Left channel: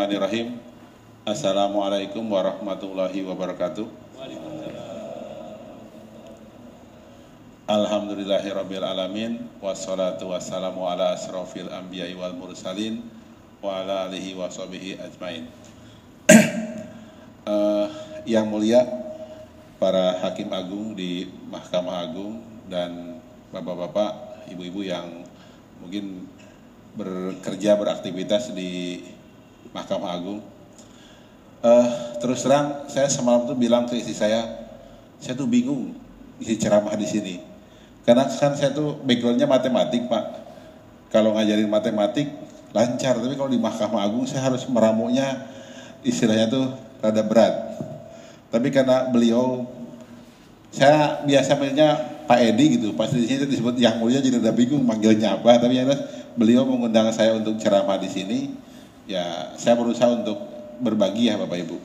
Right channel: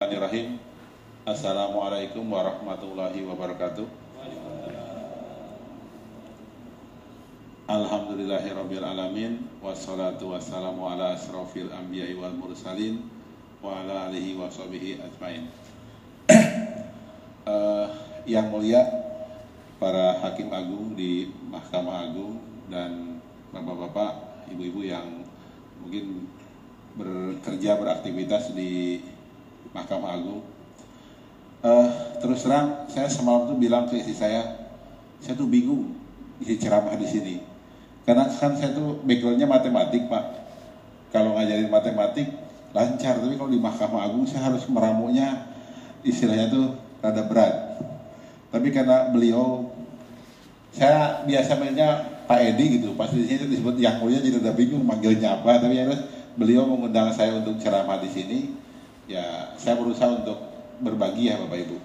Bismillahirrahmanirrahim. Assalamualaikum warahmatullahi wabarakatuh. Alhamdulillahirabbil alamin wassalatu wassalamu ala asrofil anbiya'i wal mursalin wa ala alihi washabihi ajmain. Yang mulia para hakim agung di Mahkamah Agung dan bapak-bapak, ibu-ibu yang mungkin bekerja beraktivitas di Mahkamah Agung. Terus terang saya semalam tuh bilang ke istri saya tuh bingung isi ceramah di sini. Karena kan saya tuh backgroundnya matematik, Pak. Kalau ngajarin matematik lancar, tapi kalau di Mahkamah Agung saya harus meramunya, istilahnya tuh rada berat. Tapi karena beliau, saya biasa manggilnya Pak Edi gitu, pas di sini disebut Yang Mulia jadi udah bingung manggilnya apa. Tapi ya beliau mengundang saya untuk ceramah di sini. Ya, saya berusaha untuk berbagi ya Bapak Ibu.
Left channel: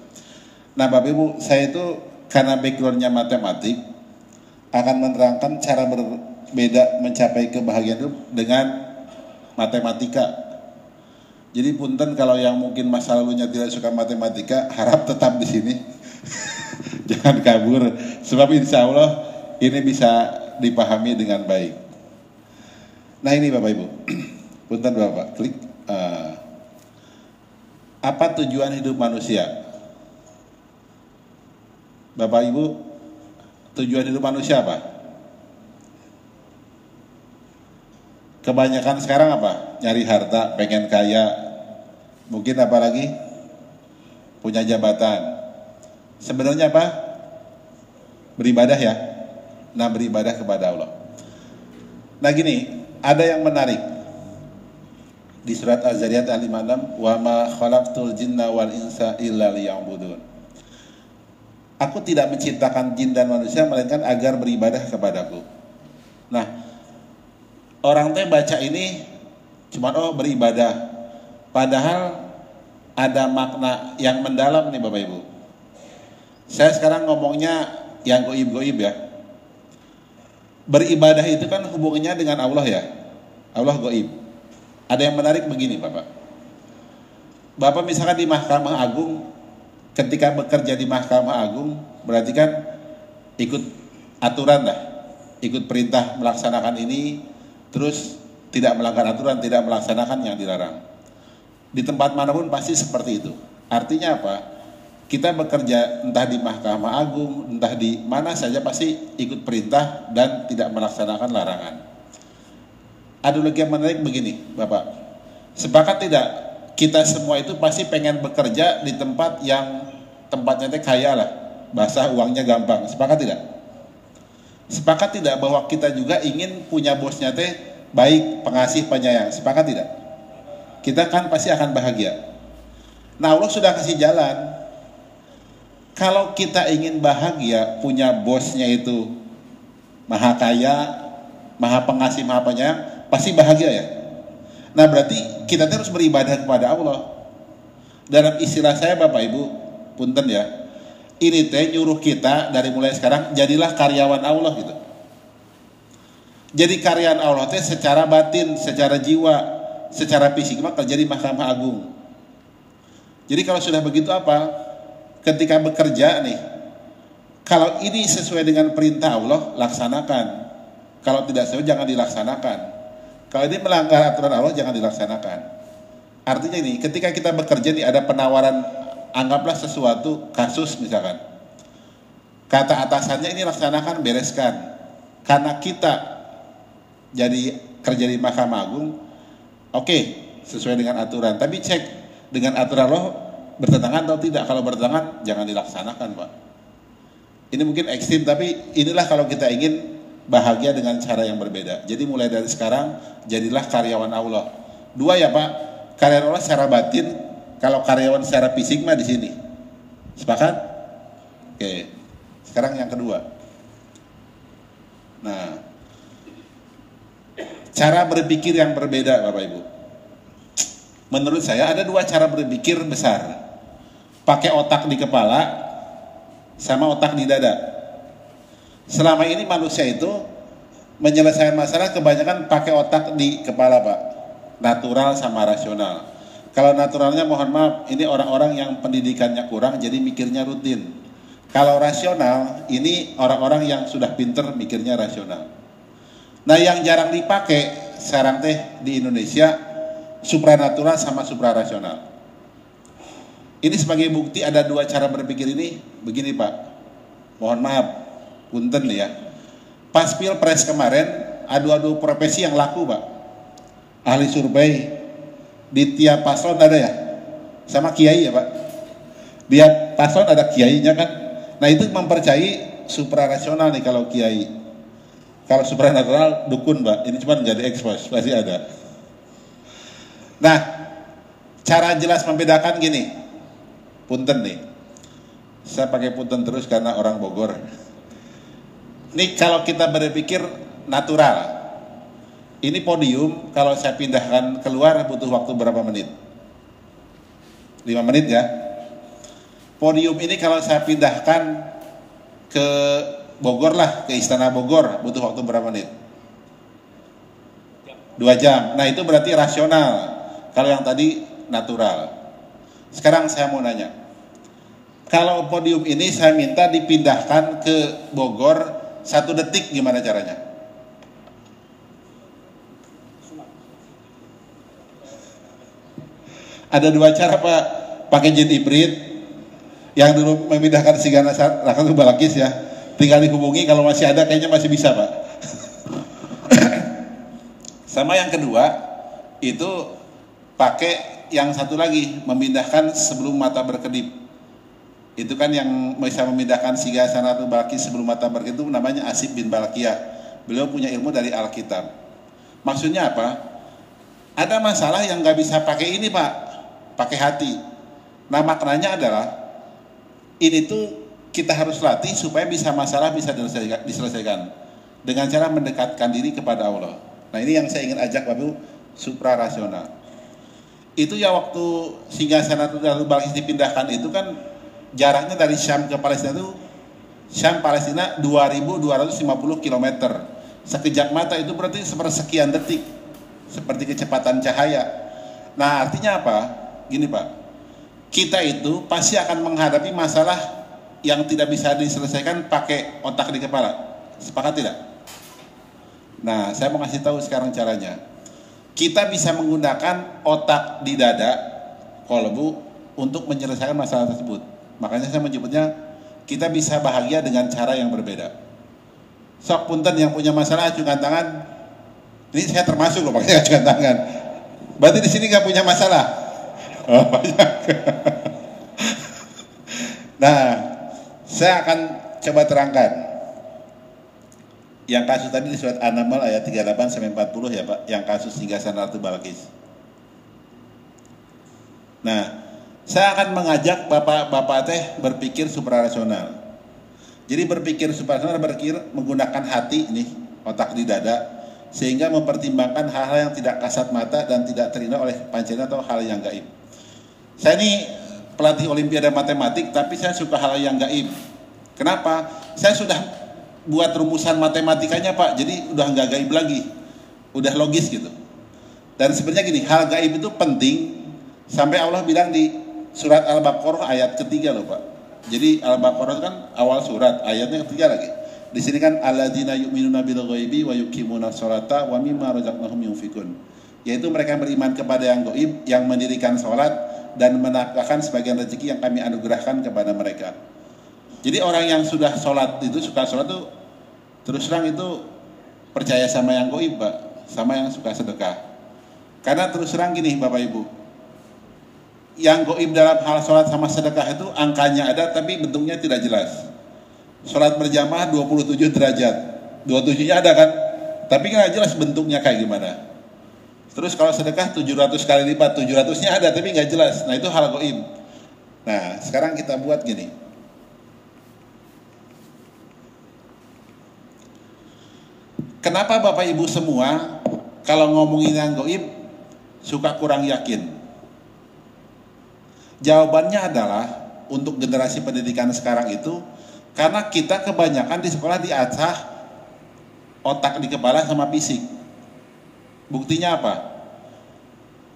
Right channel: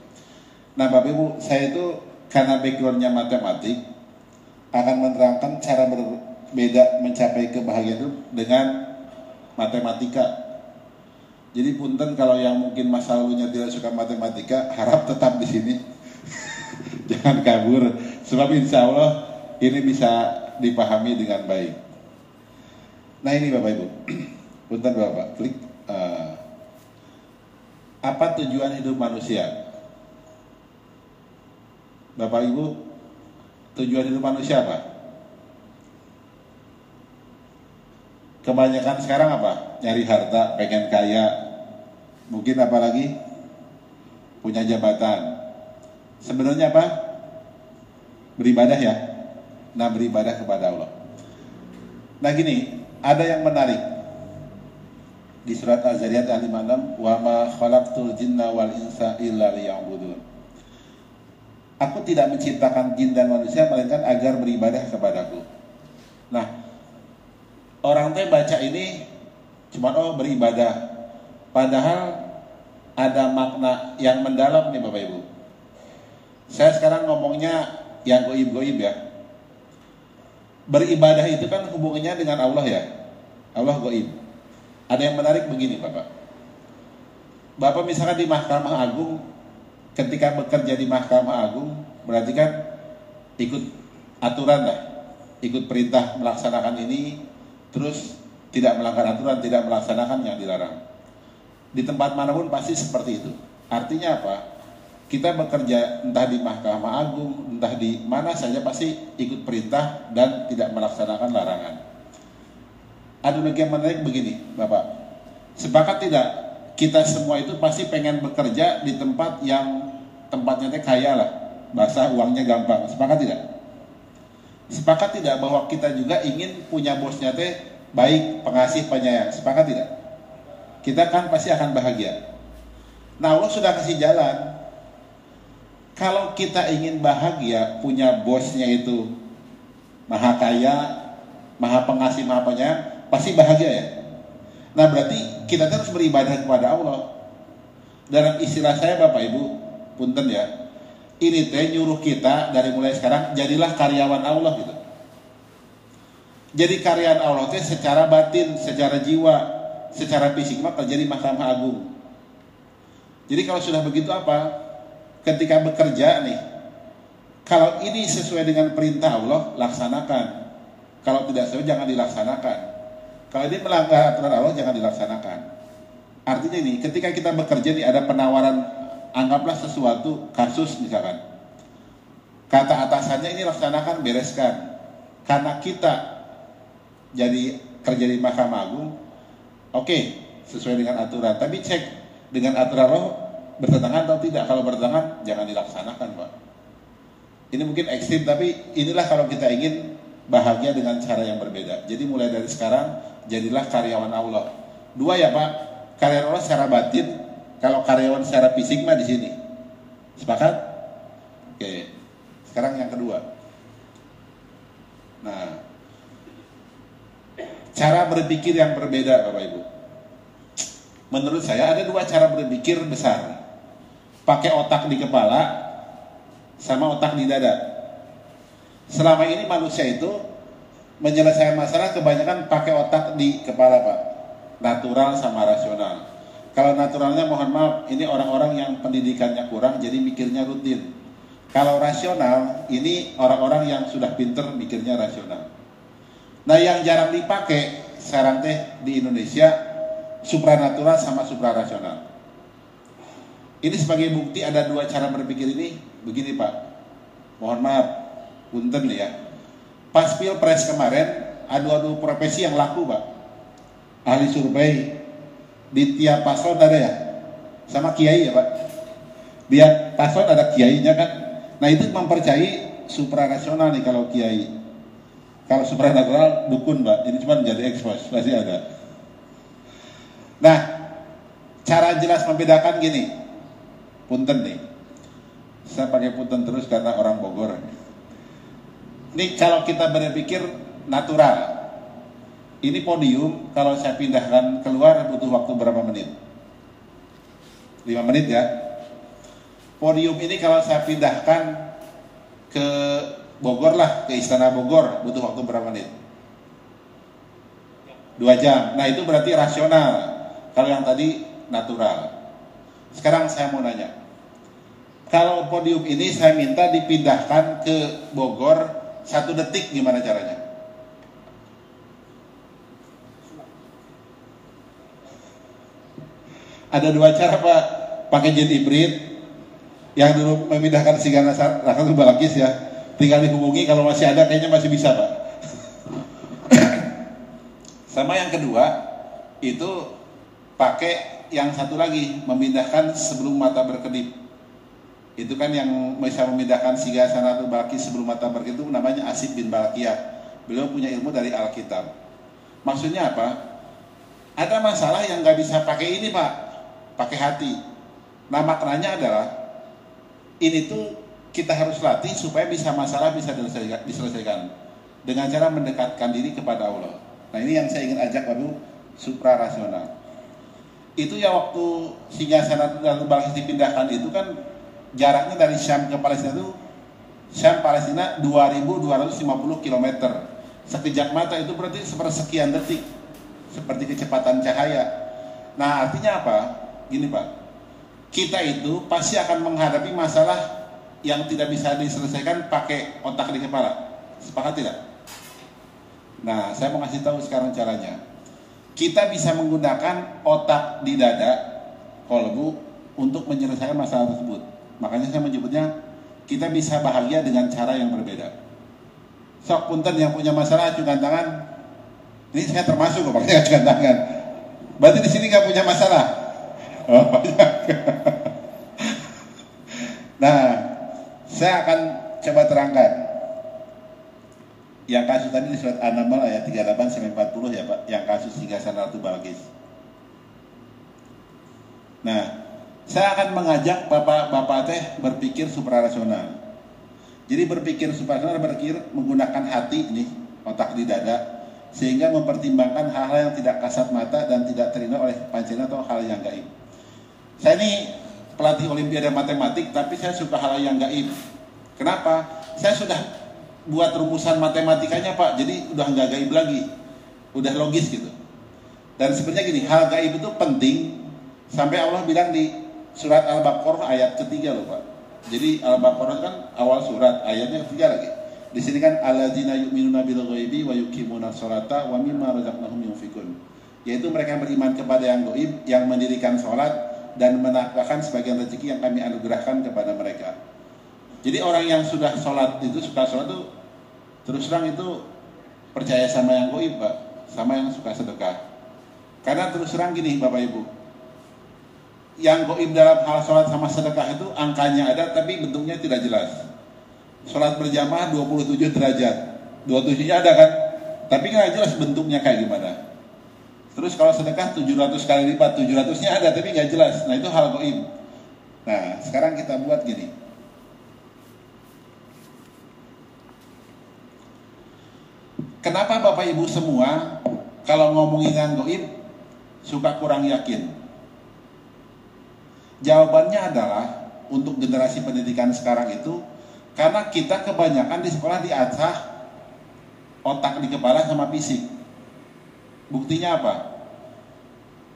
Nah Bapak Ibu, saya itu karena backgroundnya matematik akan menerangkan cara berbeda mencapai kebahagiaan itu dengan matematika. Jadi punten kalau yang mungkin masa lalunya tidak suka matematika, harap tetap di sini. Jangan kabur, sebab insya Allah ini bisa dipahami dengan baik. Nah ini Bapak Ibu, punten Bapak, klik. Apa tujuan hidup manusia? Bapak Ibu, tujuan hidup manusia apa? Kebanyakan sekarang apa? Nyari harta, pengen kaya, mungkin apa lagi? Punya jabatan. Sebenarnya apa? Beribadah ya. Nah, beribadah kepada Allah. Nah gini, ada yang menarik. Di surat Az-Zariyat ayat 56, wa ma khalaqtul jinna wal insa illa liya'budun. Aku tidak menciptakan jin dan manusia melainkan agar beribadah kepadaku. Nah, orang teh baca ini cuma beribadah. Padahal ada makna yang mendalam nih Bapak Ibu. Saya sekarang ngomongnya yang goib-goib ya. Beribadah itu kan hubungannya dengan Allah ya. Allah goib. Ada yang menarik begini Bapak. Bapak misalkan di Mahkamah Agung, ketika bekerja di Mahkamah Agung, berarti kan ikut aturan lah, ikut perintah melaksanakan ini, terus tidak melanggar aturan, tidak melaksanakan yang dilarang. Di tempat manapun pasti seperti itu. Artinya apa? Kita bekerja entah di Mahkamah Agung, entah di mana saja pasti ikut perintah dan tidak melaksanakan larangan. Ada lagi yang menarik begini, Bapak. Sepakat tidak? Kita semua itu pasti pengen bekerja di tempat yang tempatnya teh kaya lah, bahasa uangnya gampang. Sepakat tidak? Sepakat tidak bahwa kita juga ingin punya bosnya teh baik, pengasih, penyayang? Sepakat tidak? Kita kan pasti akan bahagia. Nah Allah sudah kasih jalan. Kalau kita ingin bahagia, punya bosnya itu maha kaya, maha pengasih, maha penyayang, pasti bahagia ya. Nah berarti kita terus beribadah kepada Allah. Dalam istilah saya Bapak Ibu, punten ya, ini teh nyuruh kita dari mulai sekarang jadilah karyawan Allah gitu. Jadi karyawan Allah teh secara batin, secara jiwa, secara fisik mah kerja di Mahkamah Agung. Jadi kalau sudah begitu apa? Ketika bekerja nih, kalau ini sesuai dengan perintah Allah, laksanakan. Kalau tidak sesuai jangan dilaksanakan. Kalau ini melanggar aturan Allah jangan dilaksanakan. Artinya ini, ketika kita bekerja nih ada penawaran, anggaplah sesuatu kasus misalkan. Kata atasannya ini laksanakan, bereskan. Karena kita jadi kerja di Mahkamah Agung, oke, sesuai dengan aturan. Tapi cek dengan aturan Allah bertentangan atau tidak. Kalau bertentangan jangan dilaksanakan, Pak. Ini mungkin ekstrim, tapi inilah kalau kita ingin bahagia dengan cara yang berbeda. Jadi mulai dari sekarang jadilah karyawan Allah. Dua ya Pak, karyawan Allah secara batin, kalau karyawan secara fisik mah di sini. Sepakat? Oke. Sekarang yang kedua. Nah, cara berpikir yang berbeda Bapak Ibu. Menurut saya ada dua cara berpikir besar. Pakai otak di kepala sama otak di dada. Selama ini manusia itu menyelesaikan masalah kebanyakan pakai otak di kepala Pak, natural sama rasional. Kalau naturalnya mohon maaf, ini orang-orang yang pendidikannya kurang jadi mikirnya rutin. Kalau rasional, ini orang-orang yang sudah pinter mikirnya rasional. Nah yang jarang dipakai sekarang teh di Indonesia, supranatural sama suprarasional. Ini sebagai bukti ada dua cara berpikir ini, begini Pak. Mohon maaf, punten ya. Pas Pilpres kemarin, adu-adu profesi yang laku Pak. Ahli survei di tiap paslon ada ya, sama kiai ya Pak. Di paslon ada kiainya kan. Nah itu mempercayai suprarasional nih kalau kiai. Kalau supranatural dukun Pak. Ini cuma menjadi ekspos, pasti ada. Nah, cara jelas membedakan gini. Punten nih. Saya pakai punten terus karena orang Bogor. Ini kalau kita berpikir natural. Ini podium kalau saya pindahkan keluar butuh waktu berapa menit? 5 menit ya. Podium ini kalau saya pindahkan ke Bogor lah, ke Istana Bogor butuh waktu berapa menit? 2 jam. Nah itu berarti rasional. Kalau yang tadi natural. Sekarang saya mau nanya. Kalau podium ini saya minta dipindahkan ke Bogor 1 detik, gimana caranya? Ada 2 cara Pak, pakai jet hibrid. Yang dulu memindahkan Sigana Raka ke Balakis ya, tinggal dihubungi kalau masih ada, kayaknya masih bisa Pak. Sama yang kedua, itu pakai yang satu lagi, memindahkan sebelum mata berkedip. Itu kan yang bisa memindahkan Sigana Raka ke Balakis sebelum mata berkedip itu namanya Asib bin Balakiyah. Beliau punya ilmu dari Alkitab. Maksudnya apa? Ada masalah yang nggak bisa pakai ini Pak, pakai hati. Nah maknanya adalah ini tuh kita harus latih supaya masalah bisa diselesaikan dengan cara mendekatkan diri kepada Allah. Nah ini yang saya ingin ajak Bapak suprarasional. Itu ya waktu Singgasana Ratu Balkis dipindahkan itu kan jaraknya dari Syam ke Palestina itu Syam Palestina 2.250 km. Sekejap mata itu berarti sepersekian detik, seperti kecepatan cahaya. Nah artinya apa? Gini Pak. Kita itu pasti akan menghadapi masalah yang tidak bisa diselesaikan pakai otak di kepala. Sepakat tidak? Nah, saya mau kasih tahu sekarang caranya. Kita bisa menggunakan otak di dada, kolbu, untuk menyelesaikan masalah tersebut. Makanya saya menyebutnya kita bisa bahagia dengan cara yang berbeda. Sok punten yang punya masalah ajukan tangan. Ini saya termasuk loh, makanya ajukan tangan. Berarti di sini nggak punya masalah. Oh, banyak. Nah, saya akan coba terangkan. Yang kasus tadi di surat An-Naml ayat 38 sampai 40 ya Pak, yang kasus Singgasana Ratu Balkis. Nah, saya akan mengajak Bapak-bapak teh berpikir suprarasional. Jadi berpikir suprarasional, berpikir menggunakan hati nih, otak di dada, sehingga mempertimbangkan hal-hal yang tidak kasat mata dan tidak terlihat oleh panca atau hal yang gaib. Saya ini pelatih olimpiade matematik, tapi saya suka hal yang gaib. Kenapa? Saya sudah buat rumusan matematikanya Pak, jadi udah nggak gaib lagi, udah logis gitu. Dan sebenarnya gini, hal gaib itu penting, sampai Allah bilang di surat Al-Baqarah ayat ketiga loh Pak. Jadi Al-Baqarah itu kan awal surat, ayatnya ketiga lagi. Di sini kan alladzina yu'minuna bil ghaibi wa yuqimuna sholata wa mimma razaqnahum yunfikun. Yaitu mereka beriman kepada yang gaib, yang mendirikan sholat dan menafkahkan sebagian rezeki yang kami anugerahkan kepada mereka. Jadi orang yang sudah sholat itu, suka sholat itu terus terang itu percaya sama yang gaib Pak, sama yang suka sedekah. Karena terus terang gini Bapak Ibu, yang gaib dalam hal sholat sama sedekah itu angkanya ada tapi bentuknya tidak jelas. Sholat berjamaah 27 derajat, 27-nya ada kan, tapi nggak jelas bentuknya kayak gimana. Terus kalau sedekah 700 kali lipat, 700-nya ada tapi nggak jelas. Nah itu hal gaib. Nah sekarang kita buat gini. Kenapa Bapak Ibu semua kalau ngomongin yang gaib suka kurang yakin? Jawabannya adalah untuk generasi pendidikan sekarang itu karena kita kebanyakan di sekolah diasah otak di kepala sama fisik. Buktinya apa?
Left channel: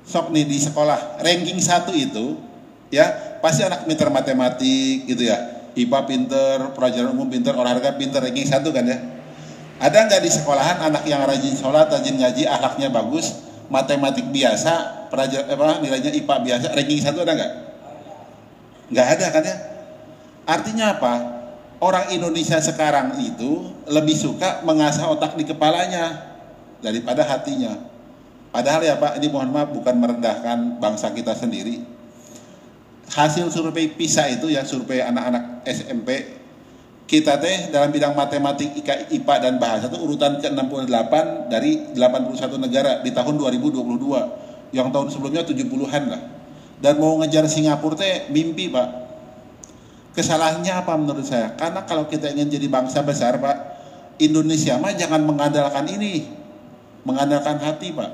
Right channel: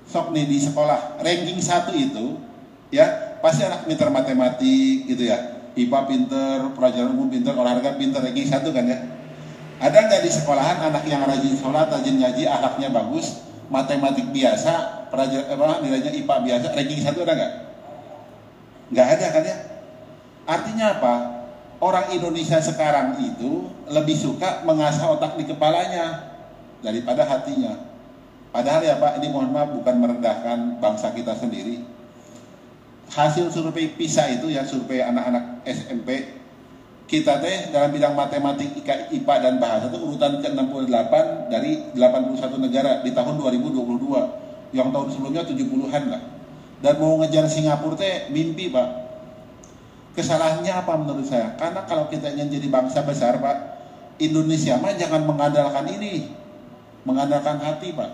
sok nih di sekolah ranking 1 itu ya pasti anak pinter matematik gitu ya, IPA pinter, pelajaran umum pinter, olahraga pinter, ranking 1 kan ya. Ada nggak di sekolahan anak yang rajin sholat, rajin ngaji, akhlaknya bagus, matematik biasa, nilainya IPA biasa, ranking 1 ada nggak? Nggak ada kan ya. Artinya apa? Orang Indonesia sekarang itu lebih suka mengasah otak di kepalanya daripada hatinya. Padahal ya Pak, ini mohon maaf bukan merendahkan bangsa kita sendiri. Hasil survei PISA itu ya, survei anak-anak SMP, kita teh dalam bidang matematik, IPA dan bahasa itu urutan ke-68 dari 81 negara di tahun 2022. Yang tahun sebelumnya 70-an lah. Dan mau ngejar Singapura teh mimpi Pak. Kesalahannya apa menurut saya? Karena kalau kita ingin jadi bangsa besar Pak, Indonesia mah jangan mengandalkan ini, mengandalkan hati Pak.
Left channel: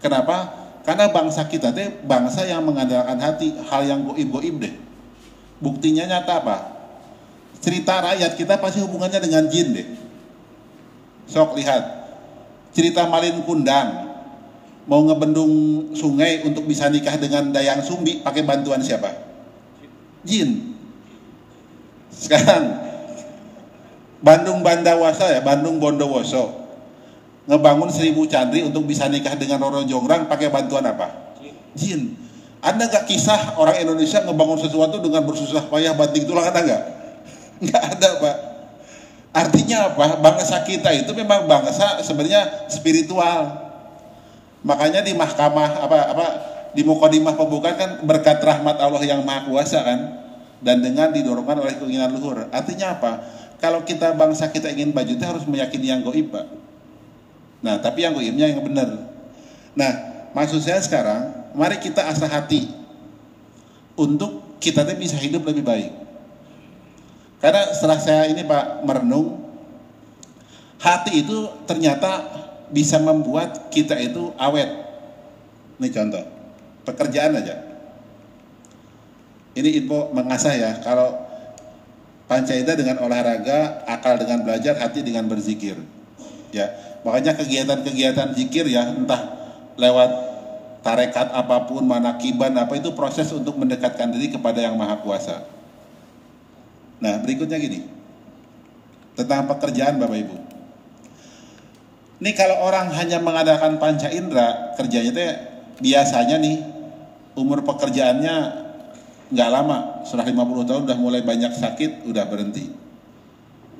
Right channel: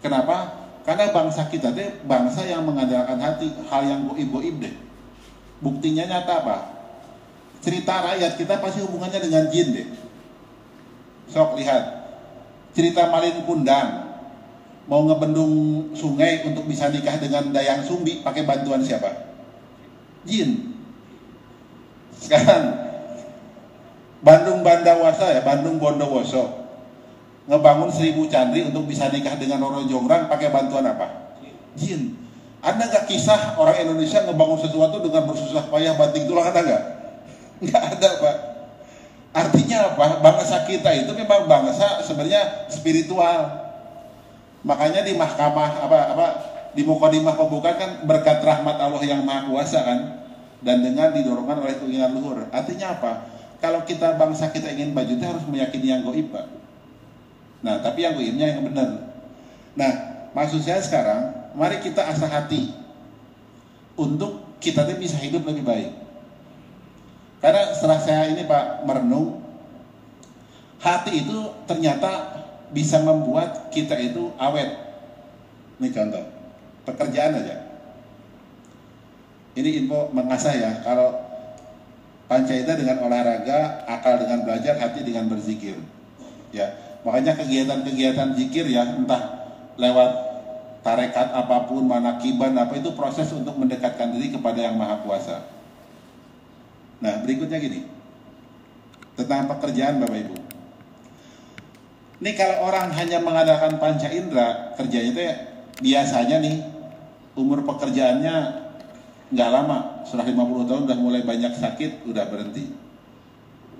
Kenapa? Karena bangsa kita deh bangsa yang mengandalkan hati, hal yang goib-goib deh. Buktinya nyata Pak. Cerita rakyat kita pasti hubungannya dengan jin deh. Sok lihat, cerita Malin Kundang mau ngebendung sungai untuk bisa nikah dengan Dayang Sumbi pakai bantuan siapa? Jin. Sekarang Bandung Bandawasa ya, Bandung Bondowoso ngebangun 1000 candri untuk bisa nikah dengan Roro Jonggrang pakai bantuan apa? Jin. Ada nggak kisah orang Indonesia ngebangun sesuatu dengan bersusah payah banting tulang, ada nggak? Nggak ada Pak. Artinya apa? Bangsa kita itu memang bangsa sebenarnya spiritual. Makanya di mahkamah di Mukadimah pembukaan kan berkat rahmat Allah yang Maha Kuasa kan, dan dengan didorongkan oleh keinginan luhur. Artinya apa? Kalau kita bangsa kita ingin maju, kita harus meyakini yang goib Pak. Nah, tapi yang goibnya yang benar. Nah, maksud saya sekarang, mari kita asah hati untuk kita bisa hidup lebih baik. Karena setelah saya ini Pak merenung, hati itu ternyata bisa membuat kita itu awet. Ini contoh, pekerjaan aja. Ini info mengasah ya, kalau pancaita dengan olahraga, akal dengan belajar, hati dengan berzikir. Ya, makanya kegiatan-kegiatan zikir ya, entah lewat tarekat apapun, manakiban apa, itu proses untuk mendekatkan diri kepada Yang Maha Kuasa. Nah, berikutnya gini, tentang pekerjaan Bapak Ibu. Ini kalau orang hanya mengandalkan panca indera, kerjanya itu biasanya nih umur pekerjaannya nggak lama, setelah 50 tahun udah mulai banyak sakit, udah berhenti.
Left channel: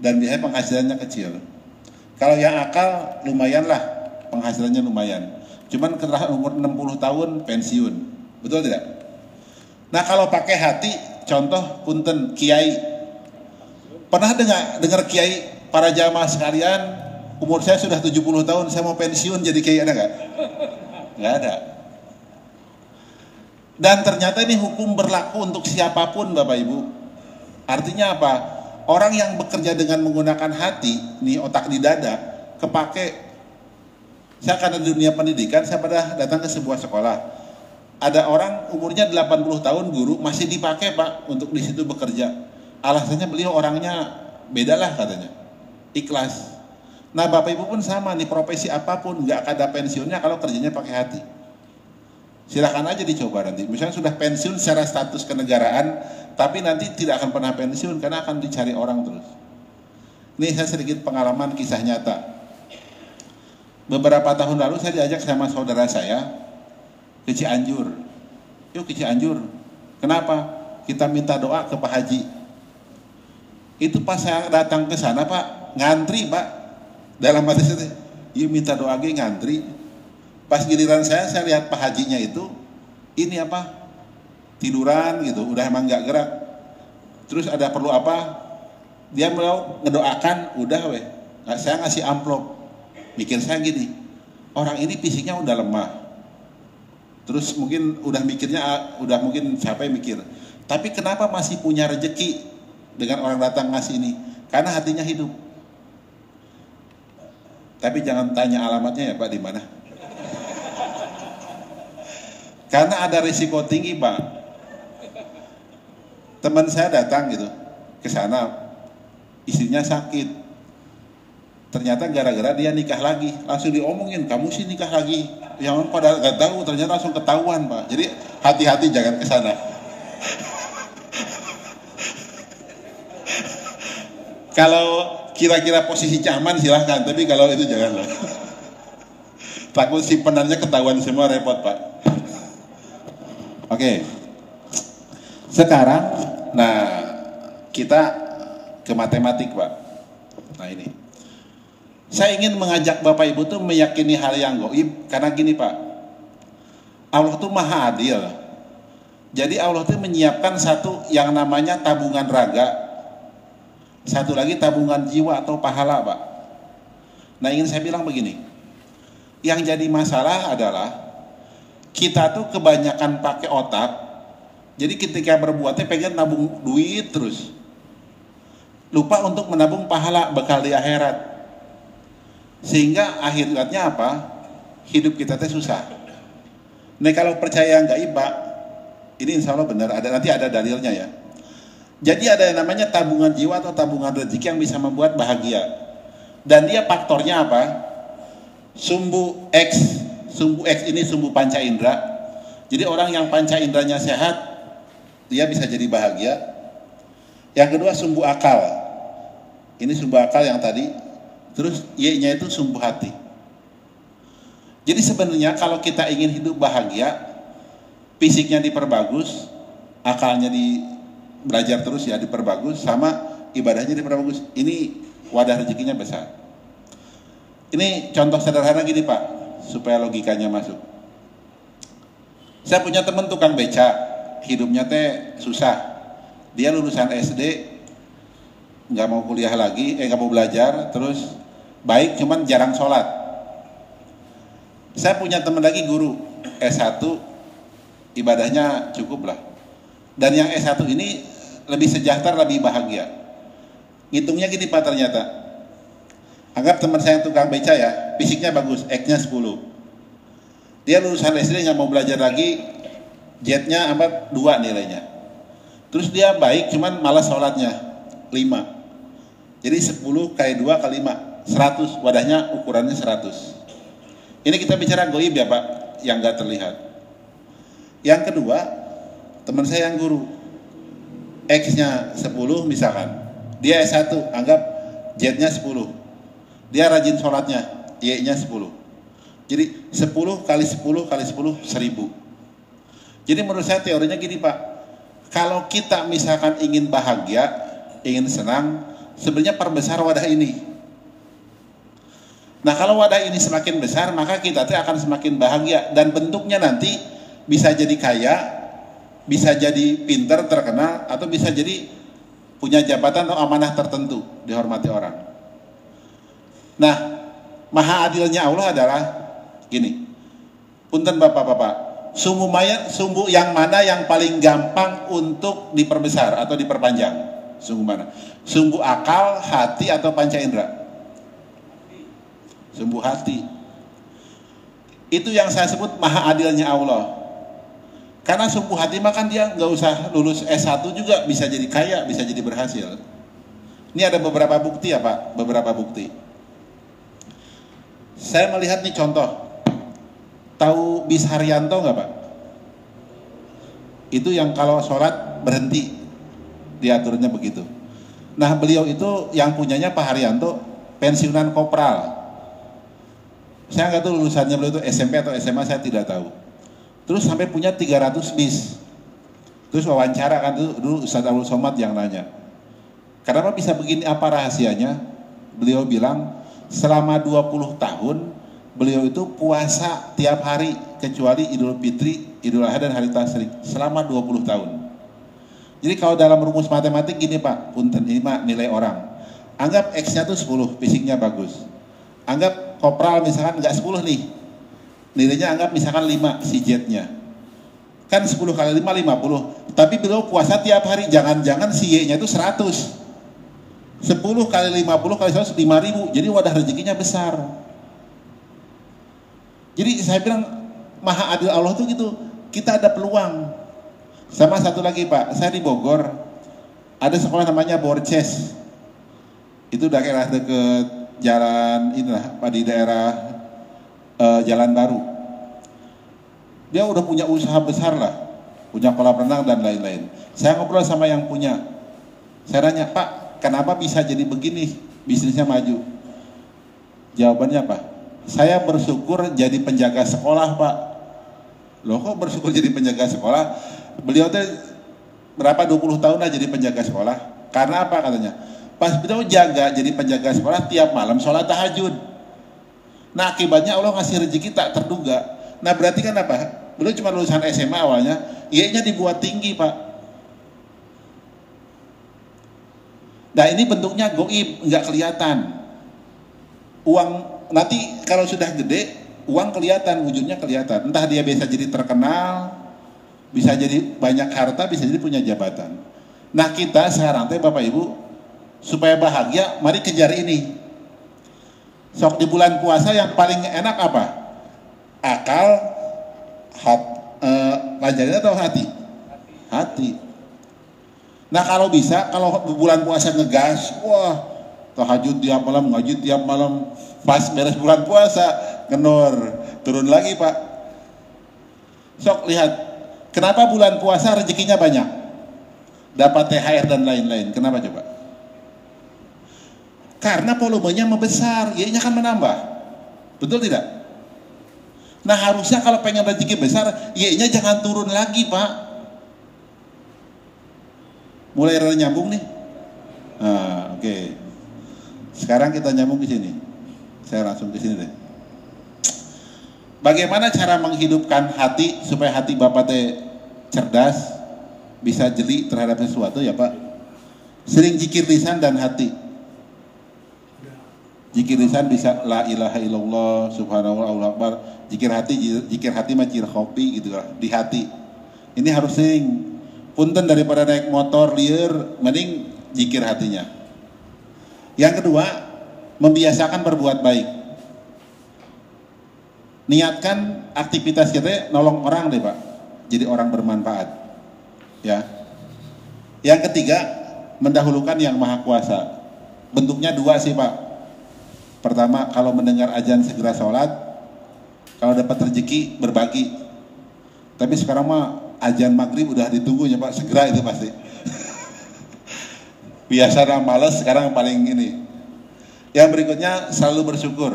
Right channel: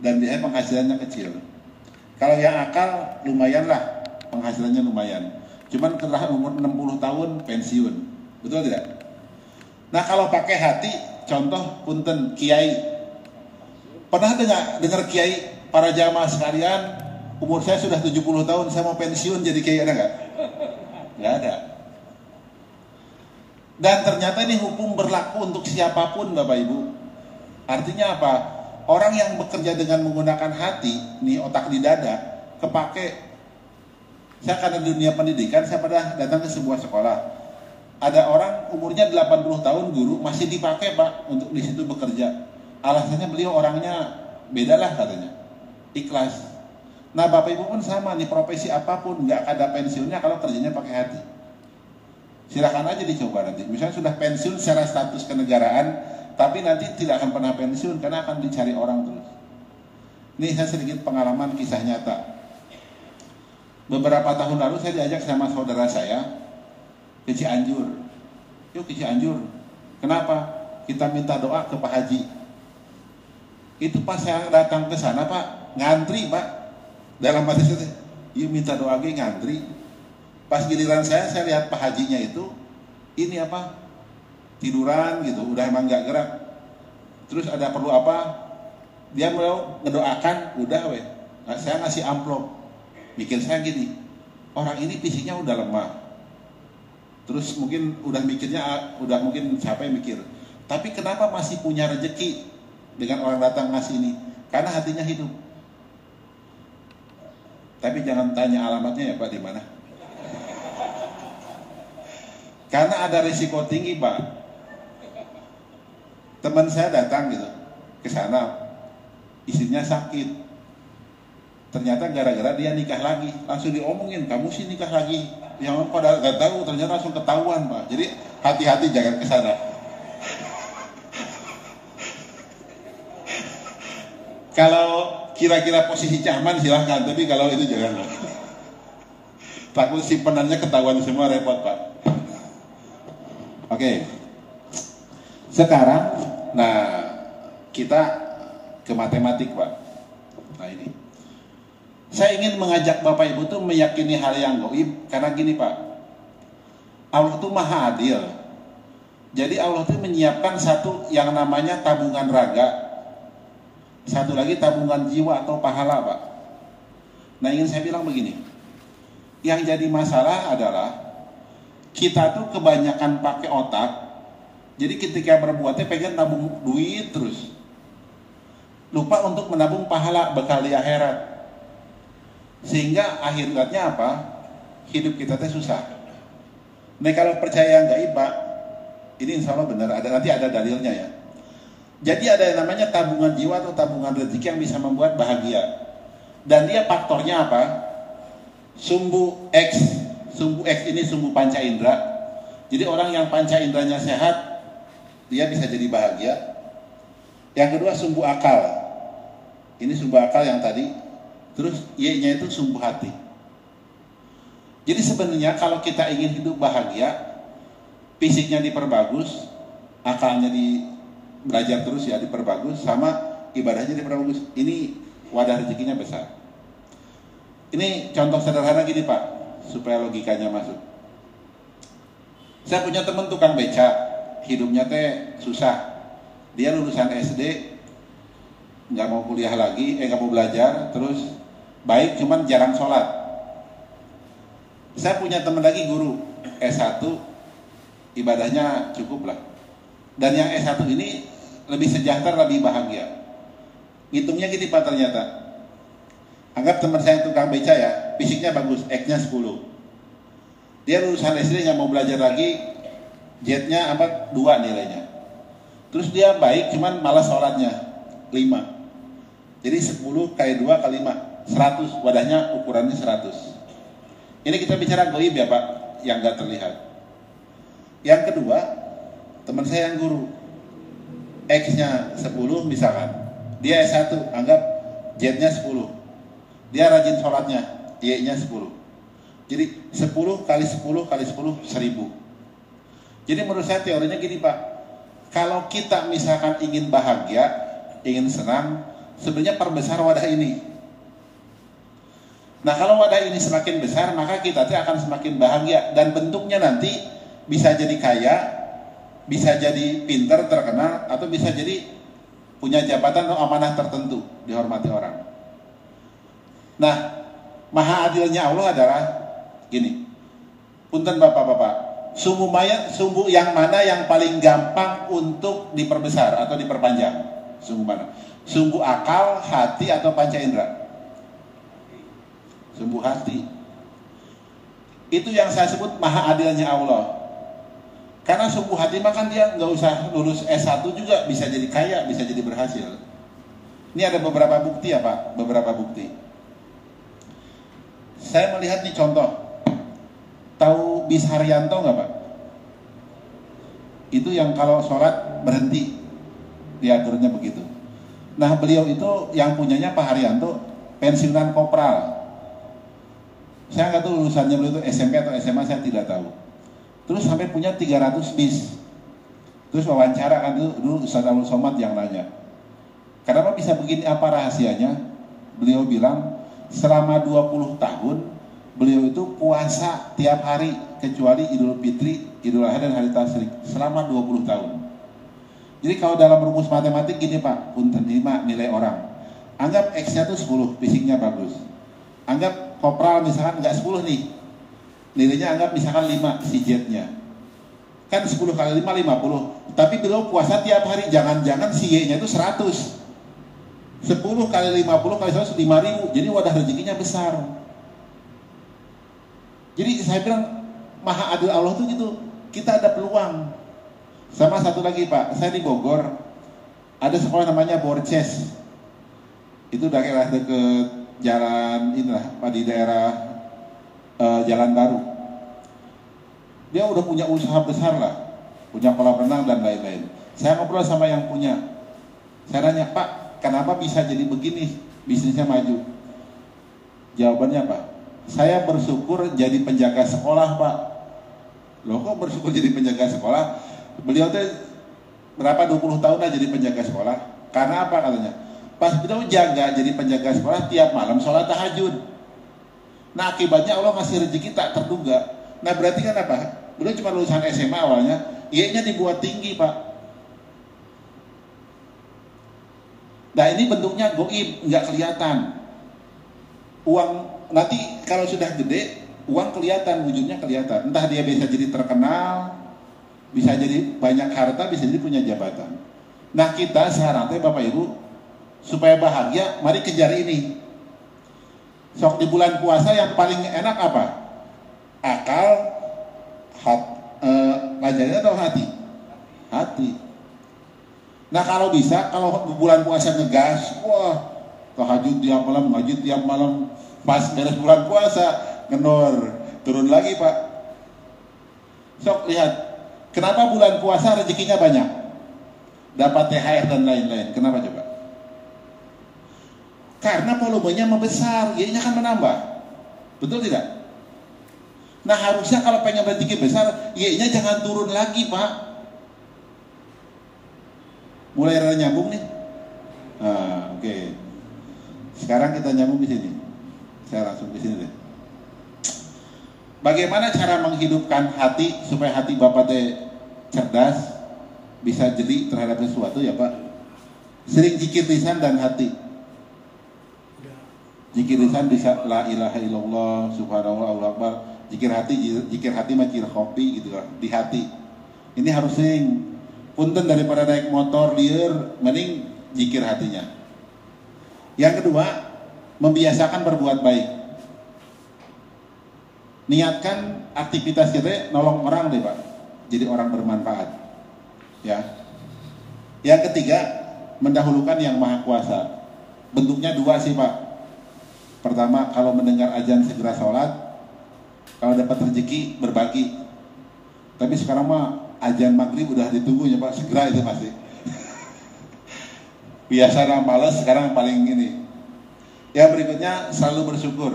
Dan biasanya penghasilannya kecil. Kalau yang akal lumayan lah, penghasilannya lumayan. Cuman setelah umur 60 tahun pensiun. Betul tidak? Nah, kalau pakai hati, contoh punten kiai. Pernah dengar kiai para jamaah sekalian, umur saya sudah 70 tahun, saya mau pensiun jadi kiai, ada nggak? Nggak ada. Dan ternyata ini hukum berlaku untuk siapapun Bapak Ibu. Artinya apa? Orang yang bekerja dengan menggunakan hati, nih otak di dada, kepake. Saya karena di dunia pendidikan, saya pernah datang ke sebuah sekolah. Ada orang umurnya 80 tahun guru, masih dipakai Pak untuk di situ bekerja. Alasannya beliau orangnya beda lah katanya, ikhlas. Nah Bapak Ibu pun sama nih, profesi apapun nggak ada pensiunnya kalau kerjanya pakai hati. Silakan aja dicoba nanti. Misalnya sudah pensiun secara status kenegaraan, tapi nanti tidak akan pernah pensiun karena akan dicari orang terus. Ini saya sedikit pengalaman kisah nyata. Beberapa tahun lalu saya diajak sama saudara saya ke Cianjur. Yuk ke Cianjur. Kenapa? Kita minta doa ke Pak Haji. Itu pas saya datang ke sana Pak, ngantri Pak. Dalam hati saya, iya minta doa lagi ngantri. Pas giliran saya lihat Pak Hajinya itu, ini apa? Tiduran gitu, udah emang gak gerak. Terus ada perlu apa? Dia mau ngedoakan, udah weh. Nah, saya ngasih amplop. Mikir saya gini, orang ini fisiknya udah lemah. Terus mungkin udah mungkin siapa yang mikir. Tapi kenapa masih punya rezeki? Dengan orang datang ngasih ini, karena hatinya hidup. Tapi jangan tanya alamatnya ya Pak di mana. Karena ada risiko tinggi Pak. Teman saya datang gitu ke sana, istrinya sakit. Ternyata gara-gara dia nikah lagi, langsung diomongin, kamu sih nikah lagi. Yang pada nggak tahu ternyata langsung ketahuan Pak. Jadi hati-hati jangan ke sana. Kalau kira-kira posisi aman silahkan, tapi kalau itu jangan. Takut simpenannya ketahuan semua, repot Pak. Oke. Sekarang, nah kita ke matematik Pak. Nah ini, saya ingin mengajak Bapak Ibu tuh meyakini hal yang gaib karena gini Pak, Allah tuh maha adil. Jadi Allah tuh menyiapkan satu yang namanya tabungan raga, satu lagi tabungan jiwa atau pahala Pak. Nah ingin saya bilang begini, yang jadi masalah adalah kita tuh kebanyakan pakai otak. Jadi ketika berbuatnya pengen nabung duit terus, lupa untuk menabung pahala bekal di akhirat. Sehingga akhirnya apa? Hidup kita teh susah. Nah kalau percaya gaib Pak, ini insya Allah benar, nanti ada dalilnya ya. Jadi ada yang namanya tabungan jiwa atau tabungan rezeki yang bisa membuat bahagia. Dan dia faktornya apa? Sumbu X. Sumbu X ini sumbu panca indera. Jadi orang yang panca inderanya sehat, dia bisa jadi bahagia. Yang kedua sumbu akal. Ini sumbu akal yang tadi. Terus Y-nya itu sumbu hati. Jadi sebenarnya kalau kita ingin hidup bahagia, fisiknya diperbagus, akalnya belajar terus ya diperbagus, sama ibadahnya diperbagus. Ini wadah rezekinya besar. Ini contoh sederhana gini Pak, supaya logikanya masuk. Saya punya teman tukang beca, hidupnya teh susah. Dia lulusan SD, nggak mau kuliah lagi, nggak mau belajar, terus baik cuman jarang sholat. Saya punya teman lagi guru S1, ibadahnya cukup lah. Dan yang S1 ini lebih sejahtera, lebih bahagia. Ngitungnya gini Pak ternyata. Anggap teman saya tukang beca ya, fisiknya bagus, X-nya 10. Dia lulusan SD nggak mau belajar lagi, Z-nya 2 nilainya. Terus dia baik cuman malas sholatnya, 5. Jadi 10 kali 2 kali 5, 100, wadahnya ukurannya 100. Ini kita bicara gaib ya Pak, yang gak terlihat. Yang kedua, teman saya yang guru, X-nya 10 misalkan, dia S1, anggap Z-nya 10. Dia rajin sholatnya, Y-nya 10. Jadi 10 kali 10 kali 10, 1000. Jadi menurut saya teorinya gini Pak, kalau kita misalkan ingin bahagia, ingin senang, sebenarnya perbesar wadah ini. Nah kalau wadah ini semakin besar, maka kita akan semakin bahagia. Dan bentuknya nanti bisa jadi kaya, bisa jadi pintar, terkenal, atau bisa jadi punya jabatan atau amanah tertentu, dihormati orang. Nah, maha adilnya Allah adalah gini, punten bapak-bapak, sumbu yang mana yang paling gampang untuk diperbesar atau diperpanjang? Sumbu mana? Sumbu akal, hati, atau panca indera? Sumbu hati. Itu yang saya sebut maha adilnya Allah. Karena sumbu hati mah kan dia nggak usah lulus S1 juga bisa jadi kaya, bisa jadi berhasil. Ini ada beberapa bukti ya Pak, beberapa bukti. Saya melihat nih contoh. Tahu Bis Haryanto nggak Pak? Itu yang kalau sholat berhenti, diaturnya begitu. Nah beliau itu yang punyanya Pak Haryanto, pensiunan kopral. Saya nggak tahu lulusannya beliau itu SMP atau SMA, saya tidak tahu. Terus sampai punya 300 bis. Terus wawancara kan dulu Ustaz Abdul Somad yang nanya, kenapa bisa begini, apa rahasianya? Beliau bilang selama 20 tahun beliau itu puasa tiap hari kecuali Idul Fitri, Idul Adha dan Hari Tasyrik selama 20 tahun. Jadi kalau dalam rumus matematik gini Pak, punten ini nilai orang. Anggap X-nya tuh 10, fisiknya bagus. Anggap kopral misalkan nggak 10 nih, nilainya anggap misalkan 5 si Z-nya. Kan 10 kali 5, 50. Tapi beliau puasa tiap hari, jangan-jangan si Y-nya itu 100. 10 kali 50 kali 100, 5.000. Jadi wadah rezekinya besar. Jadi saya bilang maha adil Allah tuh gitu, kita ada peluang. Sama satu lagi Pak, saya di Bogor, ada sekolah namanya Borces. Itu daerah deket jalan inilah Pak, di daerah Jalan Baru. Dia udah punya usaha besar lah, punya kolam renang dan lain-lain. Saya ngobrol sama yang punya. Saya nanya, Pak, kenapa bisa jadi begini? Bisnisnya maju. Jawabannya apa? Saya bersyukur jadi penjaga sekolah, Pak. Loh, kok bersyukur jadi penjaga sekolah? Beliau tuh berapa 20 tahun lah jadi penjaga sekolah. Karena apa katanya? Pas beliau jaga jadi penjaga sekolah, tiap malam sholat tahajud. Nah, akibatnya Allah ngasih rezeki tak terduga. Nah, berarti kan apa? Beliau cuma lulusan SMA awalnya, I-nya dibuat tinggi, Pak. Nah, ini bentuknya goib, nggak kelihatan. Uang nanti kalau sudah gede, uang kelihatan, wujudnya kelihatan. Entah dia bisa jadi terkenal, bisa jadi banyak harta, bisa jadi punya jabatan. Nah, kita sekarang teh Bapak Ibu, supaya bahagia, mari kejar ini. Sok di bulan puasa yang paling enak apa? Akal, pelajaran atau hati? Hati. Nah, kalau bisa, kalau bulan puasa ngegas, wah, tahajud tiap malam, ngaji tiap malam, pas beres bulan puasa, ngenor, turun lagi, Pak. Sok lihat, kenapa bulan puasa rezekinya banyak? Dapat THR dan lain-lain. Kenapa coba? Karena volumenya membesar, Y-nya kan menambah. Betul tidak? Nah, harusnya kalau pengen rezeki besar, Y-nya jangan turun lagi, Pak. Mulai rada nyambung nih. Nah, oke. Sekarang kita nyambung di sini. Saya langsung ke sini deh. Bagaimana cara menghidupkan hati supaya hati Bapak teh cerdas, bisa jeli terhadap sesuatu ya, Pak? Sering zikir lisan dan hati. Zikir lisan bisa la ilaha illallah subhanallah Allahu akbar. Zikir hati mah cir kopi gitu lah, di hati. Ini harus sering. Punten daripada naik motor lieur, mending zikir hatinya. Yang kedua, membiasakan berbuat baik. Niatkan aktivitas kita nolong orang deh, Pak. Jadi orang bermanfaat. Ya. Yang ketiga, mendahulukan yang maha kuasa. Bentuknya dua sih, Pak. Pertama, kalau mendengar azan segera sholat. Kalau dapat rezeki, berbagi. Tapi sekarang mah azan maghrib udah ditunggunya, Pak. Segera itu pasti. Biasa yang malas, sekarang yang paling ini. Yang berikutnya, selalu bersyukur.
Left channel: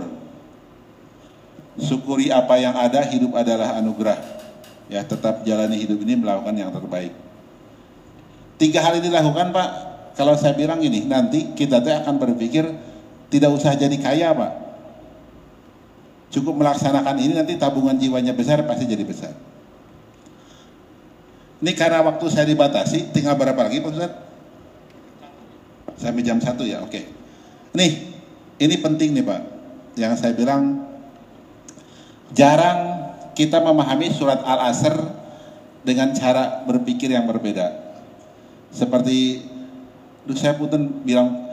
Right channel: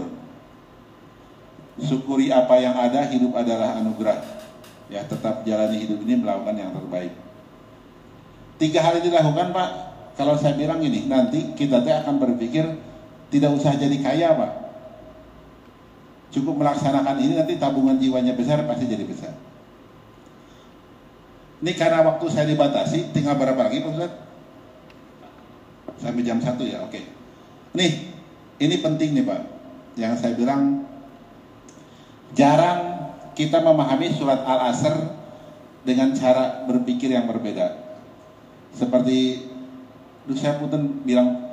Syukuri apa yang ada, hidup adalah anugerah. Ya, tetap jalani hidup ini melakukan yang terbaik. 3 hal ini dilakukan, Pak. Kalau saya bilang ini, nanti kita akan berpikir tidak usah jadi kaya, Pak. Cukup melaksanakan ini, nanti tabungan jiwanya besar, pasti jadi besar. Ini karena waktu saya dibatasi, tinggal berapa lagi, Pak Ustaz? Sampai jam 1 ya, oke. Nih, ini penting nih, Pak. Yang saya bilang, jarang kita memahami surat Al-Asr dengan cara berpikir yang berbeda. Seperti, saya punten bilang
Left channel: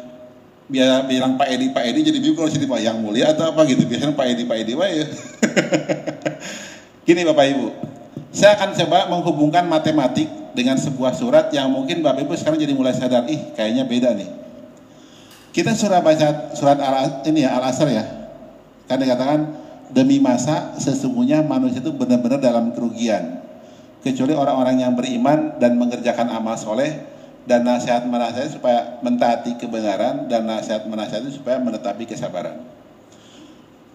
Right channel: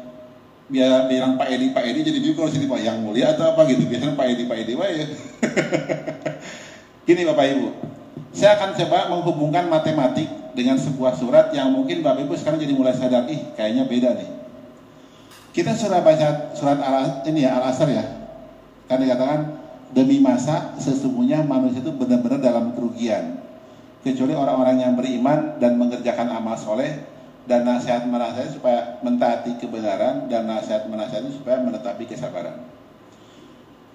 Pak Edi jadi bingung sini, Pak, yang mulia atau apa gitu. Biasanya Pak Edi ya. Gini Bapak Ibu, saya akan coba menghubungkan matematik dengan sebuah surat yang mungkin Bapak Ibu sekarang jadi mulai sadar, kayaknya beda nih. Kita sudah baca surat Al-Asr ya. Kan dikatakan, demi masa sesungguhnya manusia itu benar-benar dalam kerugian. Kecuali orang-orang yang beriman dan mengerjakan amal soleh, dan nasihat-menasihat supaya mentaati kebenaran, dan nasihat-menasihat supaya menetapi kesabaran.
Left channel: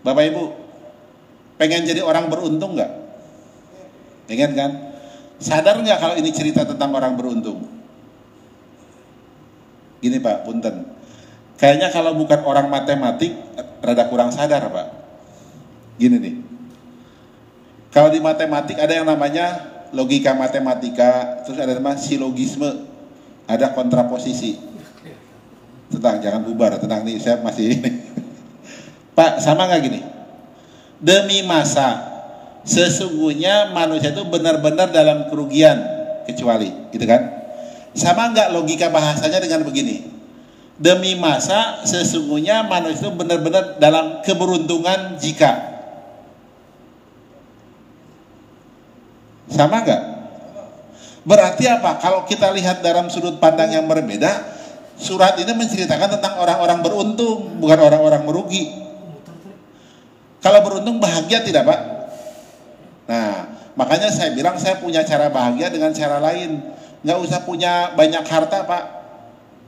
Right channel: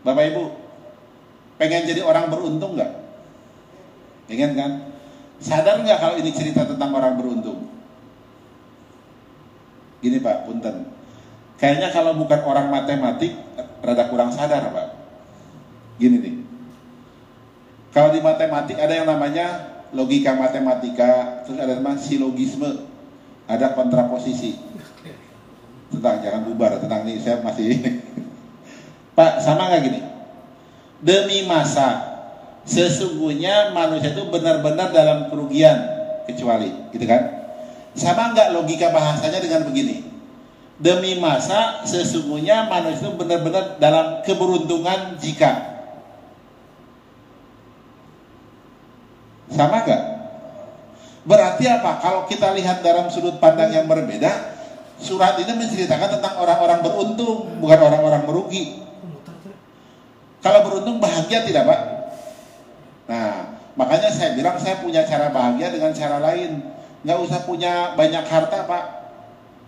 Bapak Ibu, pengen jadi orang beruntung nggak? Pengen kan? Sadar nggak kalau ini cerita tentang orang beruntung? Gini Pak, punten. Kayaknya kalau bukan orang matematik, rada kurang sadar Pak. Gini nih. Kalau di matematik ada yang namanya logika matematika, terus ada namanya silogisme. Ada kontraposisi. Jangan bubar, tenang nih, saya masih Pak, sama nggak gini? Demi masa sesungguhnya manusia itu benar-benar dalam kerugian, kecuali, gitu kan? Sama nggak logika bahasanya dengan begini? Demi masa sesungguhnya manusia itu benar-benar dalam keberuntungan jika. Sama nggak? Berarti apa? Kalau kita lihat dalam sudut pandang yang berbeda, surat ini menceritakan tentang orang-orang beruntung, bukan orang-orang merugi. Kalau beruntung bahagia tidak, Pak? Nah, Makanya saya bilang saya punya cara bahagia dengan cara lain. Nggak usah punya banyak harta Pak,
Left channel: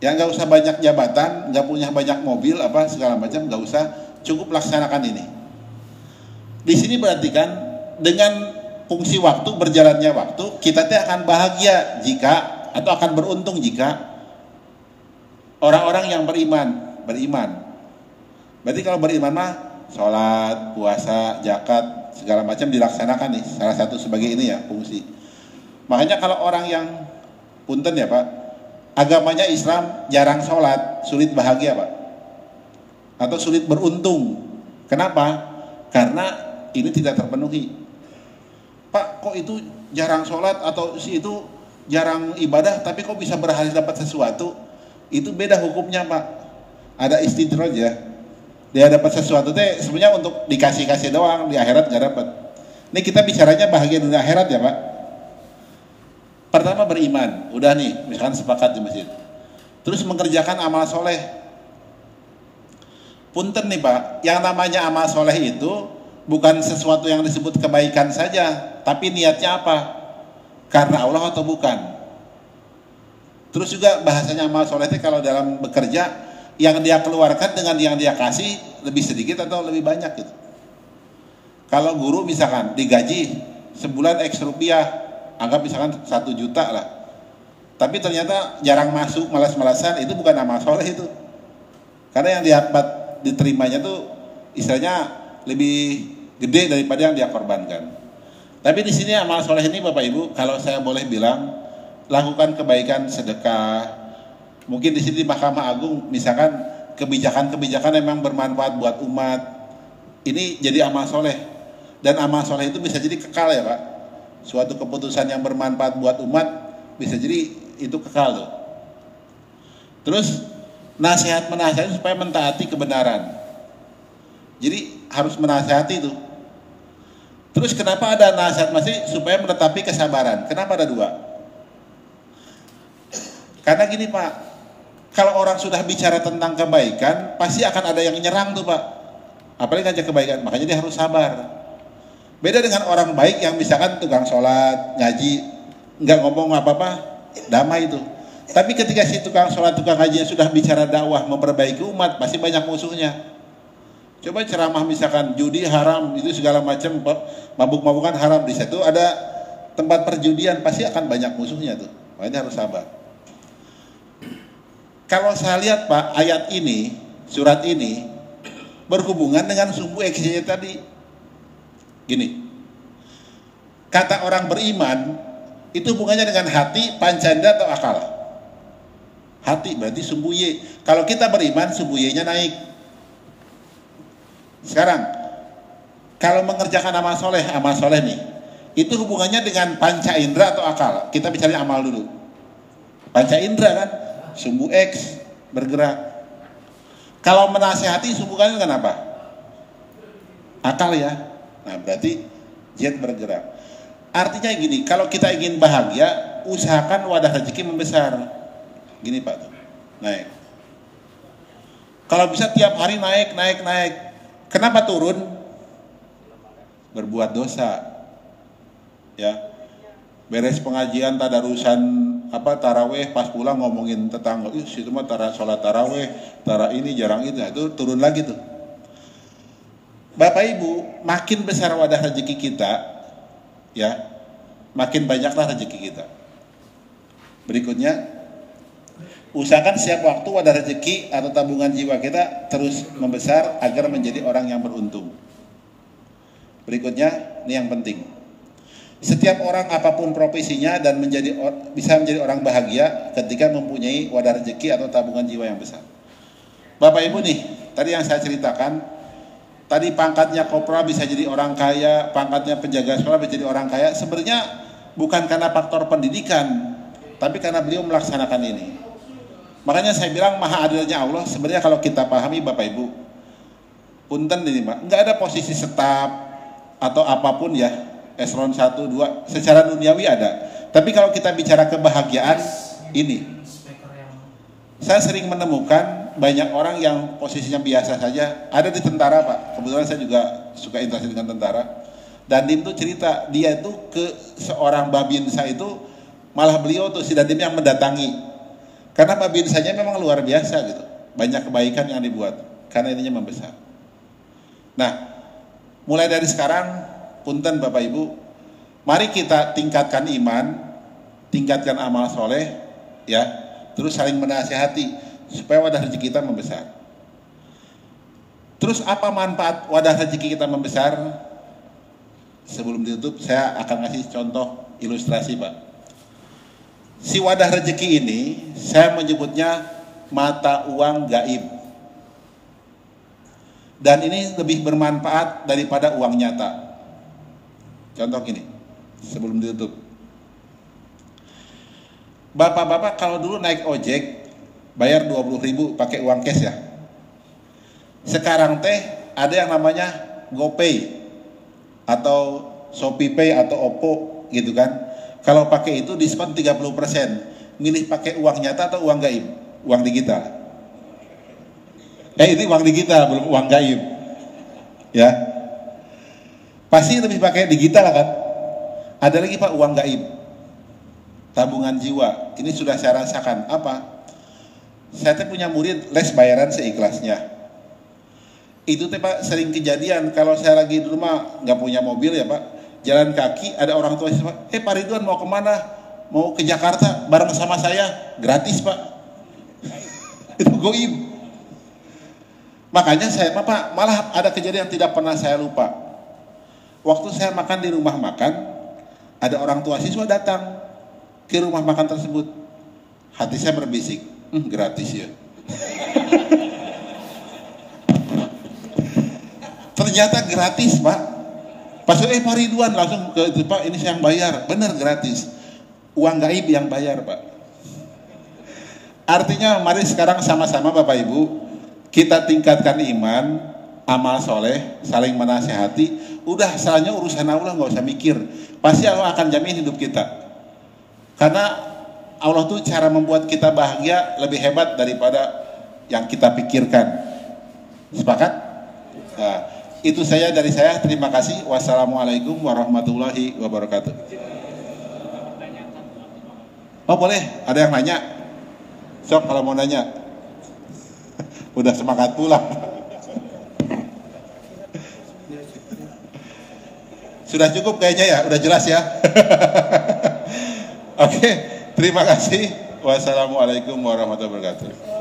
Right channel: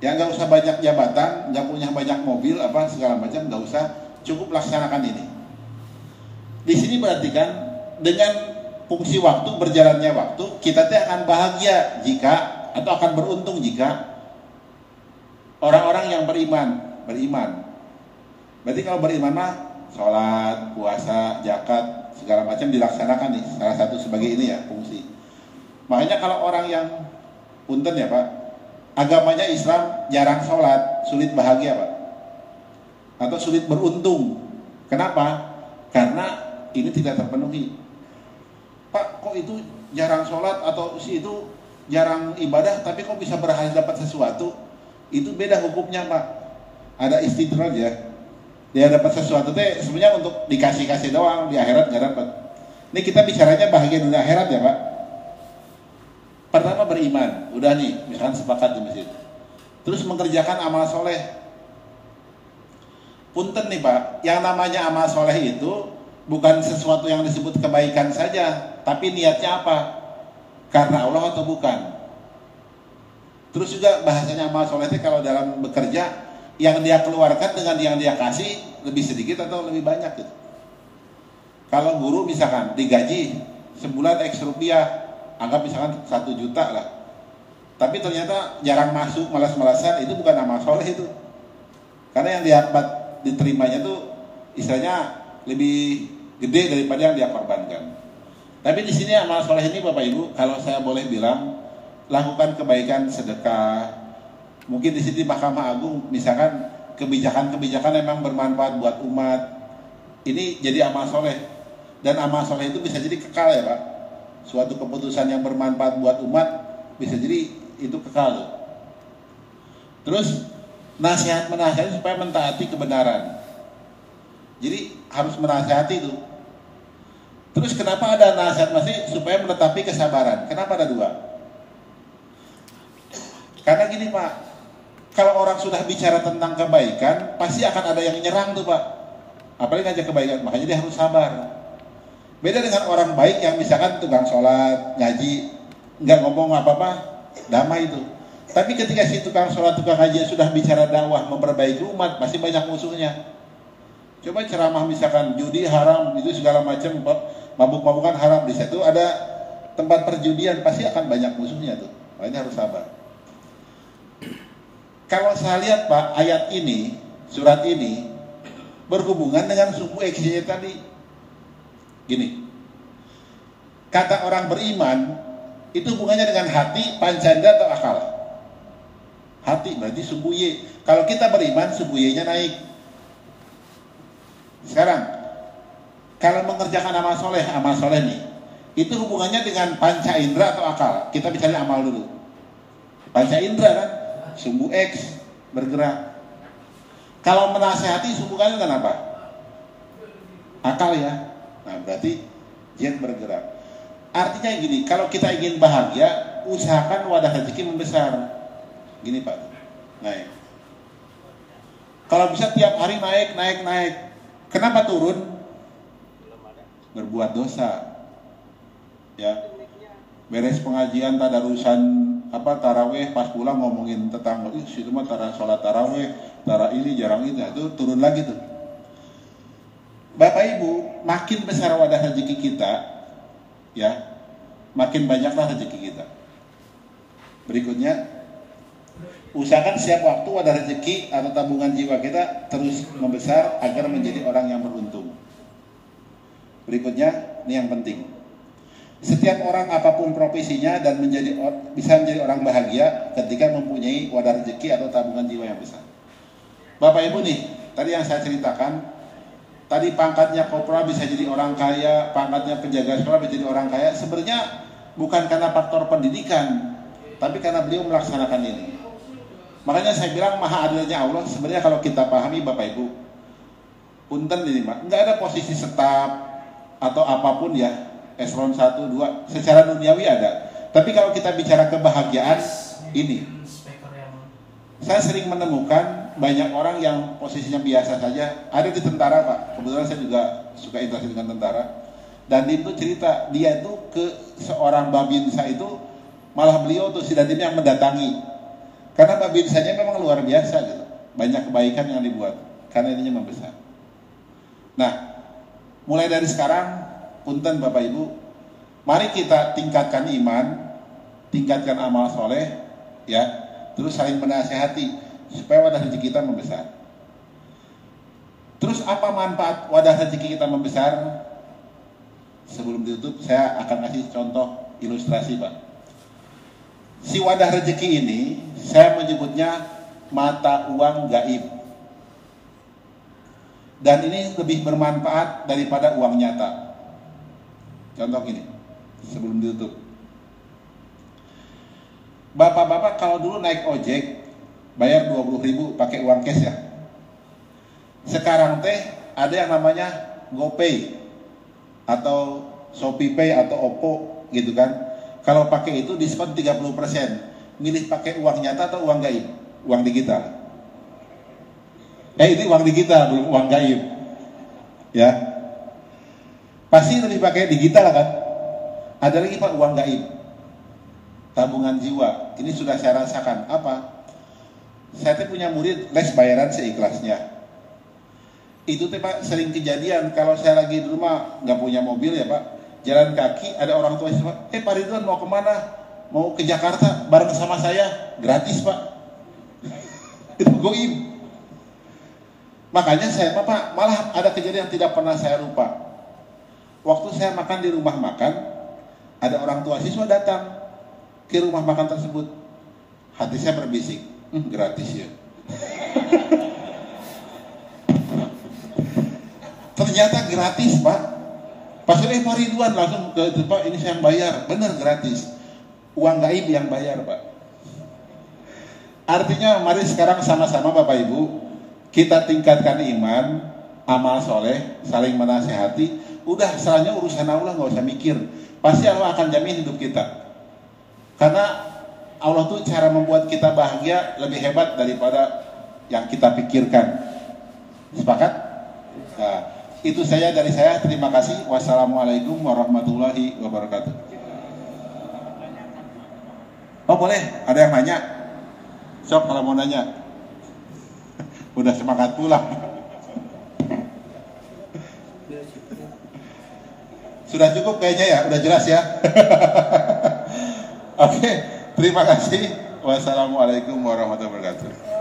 ya nggak usah banyak jabatan, nggak punya banyak mobil apa segala macam, nggak usah, cukup laksanakan ini. Di sini berarti kan dengan fungsi waktu, berjalannya waktu, kita akan bahagia jika atau akan beruntung jika orang-orang yang beriman. Berarti kalau beriman mah sholat, puasa, zakat segala macam dilaksanakan nih, salah satu sebagai ini ya fungsi. Makanya kalau orang yang punten ya Pak, agamanya Islam jarang sholat, sulit bahagia Pak, atau sulit beruntung. Kenapa? Karena ini tidak terpenuhi. Pak, kok itu jarang sholat atau si itu jarang ibadah, tapi kok bisa berhasil dapat sesuatu? Itu beda hukumnya Pak. Ada istidraj ya. Dia dapat sesuatu teh sebenarnya untuk dikasih-kasih doang, di akhirat gak dapat. Ini kita bicaranya bahagia di akhirat ya Pak. Pertama beriman, udah nih, misalkan sepakat di masjid. Terus mengerjakan amal soleh. Punten nih Pak, yang namanya amal soleh itu bukan sesuatu yang disebut kebaikan saja, tapi niatnya apa? Karena Allah atau bukan? Terus juga bahasanya amal soleh itu kalau dalam bekerja, yang dia keluarkan dengan yang dia kasih lebih sedikit atau lebih banyak gitu. Kalau guru misalkan digaji sebulan X rupiah, anggap misalkan 1 juta lah, tapi ternyata jarang masuk, malas-malasan, itu bukan amal soleh itu. Karena yang dapat diterimanya tuh istilahnya lebih gede daripada yang dia korbankan. Tapi di sini amal soleh ini Bapak Ibu, kalau saya boleh bilang, lakukan kebaikan, sedekah. Mungkin di sini Mahkamah Agung misalkan kebijakan-kebijakan memang bermanfaat buat umat, ini jadi amal soleh. Dan amal soleh itu bisa jadi kekal ya Pak. Suatu keputusan yang bermanfaat buat umat bisa jadi itu kekal tuh. Terus nasihat-menasihati supaya mentaati kebenaran. Jadi harus menasihati itu. Terus kenapa ada nasihat masih supaya menetapi kesabaran? Kenapa ada 2? Karena gini Pak, kalau orang sudah bicara tentang kebaikan, pasti akan ada yang nyerang tuh Pak. Apalagi ngajak kebaikan, makanya dia harus sabar. Beda dengan orang baik yang misalkan tukang sholat, ngaji, nggak ngomong apa-apa, damai itu. Tapi ketika si tukang sholat, tukang ngaji yang sudah bicara dakwah, memperbaiki umat, pasti banyak musuhnya. Coba ceramah misalkan judi haram, itu segala macam, mabuk-mabukan haram, di situ ada tempat perjudian, pasti akan banyak musuhnya tuh. Makanya harus sabar. Kalau saya lihat Pak, ayat ini, surat ini berhubungan dengan sumbu eksnya tadi. Gini, kata orang beriman itu hubungannya dengan hati, pancanda atau akal? Hati berarti sumbu Y. Kalau kita beriman, sumbu Y-nya naik. Sekarang, kalau mengerjakan amal soleh nih, itu hubungannya dengan panca indera atau akal? Kita bicara amal dulu. Panca indera kan? Sumbu X bergerak. Kalau menasehati hubungannya dengan apa? Akal ya. Nah berarti Z bergerak. Artinya gini, kalau kita ingin bahagia, usahakan wadah rezeki membesar. Gini Pak, naik. Kalau bisa tiap hari naik. Kenapa turun? Berbuat dosa. Ya. Beres pengajian tadarusan taraweh, pas pulang ngomongin tetangga, situ mah sholat taraweh, ini jarang itu turun lagi tuh. Bapak Ibu, makin besar wadah rezeki kita, ya, makin banyaklah rezeki kita. Berikutnya, usahakan setiap waktu wadah rezeki atau tabungan jiwa kita terus membesar agar menjadi orang yang beruntung. Berikutnya, ini yang penting. Setiap orang apapun profesinya dan bisa menjadi orang bahagia ketika mempunyai wadah rezeki atau tabungan jiwa yang besar. Bapak Ibu nih, tadi yang saya ceritakan, tadi pangkatnya kopral bisa jadi orang kaya, pangkatnya penjaga sekolah bisa jadi orang kaya, sebenarnya bukan karena faktor pendidikan, tapi karena beliau melaksanakan ini. Makanya saya bilang maha adilnya Allah, sebenarnya kalau kita pahami Bapak Ibu, punten ini Pak, nggak ada posisi staf atau apapun ya, eselon 1, 2, secara duniawi ada. Tapi kalau kita bicara kebahagiaan, ini. Saya sering menemukan banyak orang yang posisinya biasa saja. Ada di tentara Pak, kebetulan saya juga suka interaksi dengan tentara. Dandim tuh cerita dia tuh ke seorang babinsa itu, malah beliau tuh si Dandim yang mendatangi, karena babinsanya memang luar biasa gitu, banyak kebaikan yang dibuat karena ininya membesar. Nah, mulai dari sekarang, punten Bapak Ibu, mari kita tingkatkan iman, tingkatkan amal soleh, ya, terus saling menasihati supaya wadah rezeki kita membesar. Terus apa manfaat wadah rezeki kita membesar? Sebelum ditutup, saya akan kasih contoh ilustrasi, Pak. Si wadah rezeki ini, saya menyebutnya mata uang gaib. Dan ini lebih bermanfaat daripada uang nyata. Contoh gini, sebelum ditutup. Bapak-bapak kalau dulu naik ojek, bayar 20.000 pakai uang cash ya. Sekarang teh ada yang namanya GoPay atau ShopeePay atau Oppo gitu kan. Kalau pakai itu diskon 30%. Milih pakai uang nyata atau uang gaib? Uang digital. Ini uang digital, belum uang gaib. Ya. Pasti lebih pakai digital kan? Ada lagi Pak uang gaib. Tabungan jiwa. Ini sudah saya rasakan. Apa? Saya tuh punya murid les bayaran seikhlasnya. Itu teh Pak sering kejadian kalau saya lagi di rumah nggak punya mobil ya Pak, jalan kaki ada orang tua saya, Pak Ridwan mau kemana? Mau ke Jakarta bareng sama saya, gratis Pak. Itu goib. Makanya saya Pak malah ada kejadian yang tidak pernah saya lupa. Waktu saya makan di rumah makan, ada orang tua siswa datang ke rumah makan tersebut. Hati saya berbisik, gratis ya. Ternyata gratis Pak. Pas Pak Ridwan langsung ke Pak, ini saya yang bayar. Benar gratis. Uang gaib yang bayar Pak. Artinya mari sekarang sama-sama Bapak Ibu kita tingkatkan iman, amal soleh, saling menasehati. Udah selanjutnya urusan Allah nggak usah mikir. Pasti Allah akan jamin hidup kita. Karena Allah tuh cara membuat kita bahagia lebih hebat daripada yang kita pikirkan. Sepakat? Nah, itu saya dari saya. Terima kasih. Wassalamualaikum warahmatullahi wabarakatuh. Oh boleh, ada yang nanya? Sok kalau mau nanya. Udah semangat pulang. Sudah cukup kayaknya ya, udah jelas ya. Oke, terima kasih. Wassalamualaikum warahmatullahi wabarakatuh.